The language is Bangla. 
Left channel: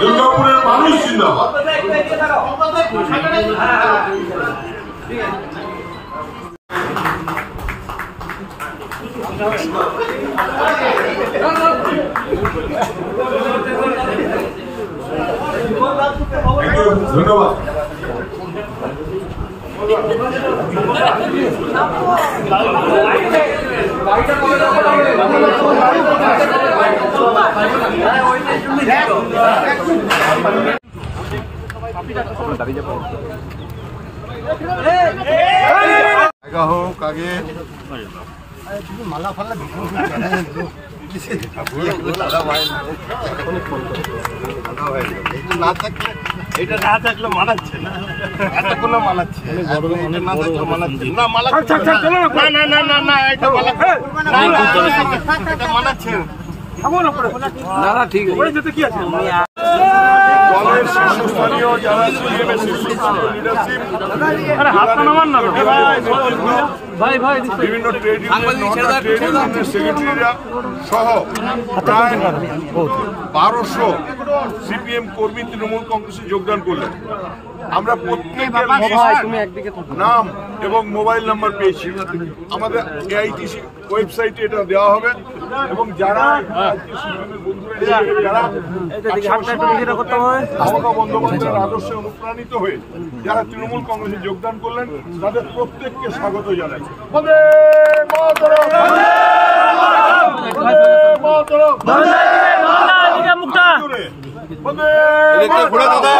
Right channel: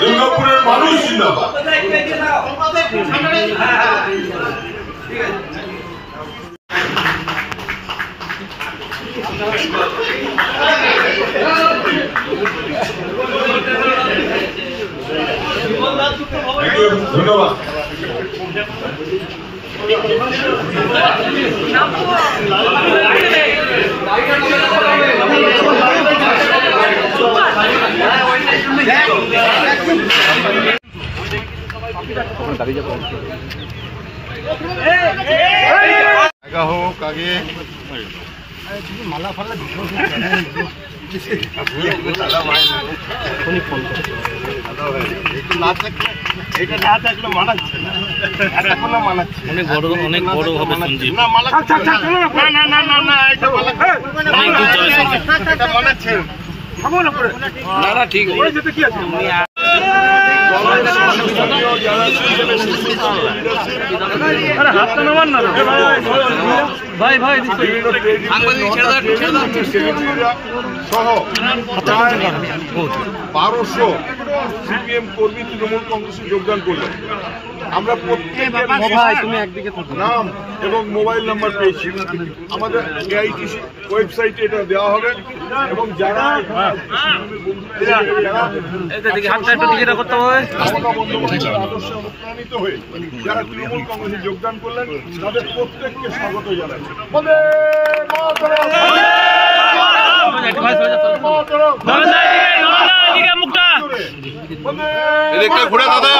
দুর্গাপুরের মানুষ জিন্দাবাদ। ধন্যবাদ। হোক আগে মালা ফালা এটা না থাকলে মানাচ্ছে না, এতক্ষণ মানাচ্ছে অনেক বড় ভাবে না মালা না না না না এটা মানাচ্ছে না না ঠিক কি আছে দলের শীর্ষস্থানীয় যারা বিভিন্ন ট্রেড ইউনিয়ন সেক্রেটারিরা সহ প্রায় 1200 সিপিএম কর্মী তৃণমূল কংগ্রেসে যোগদান করলেন। আমরা প্রত্যেকের নাম এবং মোবাইল নাম্বার পেয়েছি। আমাদের এআইটিসি ওয়েবসাইটে এটা দেওয়া হবে এবং যারা মমতা বন্দ্যোপাধ্যায়ের আদর্শে অনুপ্রাণিত হয়ে যারা তৃণমূল কংগ্রেসে যোগদান করলেন তাদের প্রত্যেককে স্বাগত জানাচ্ছি। ঘোরা দাদা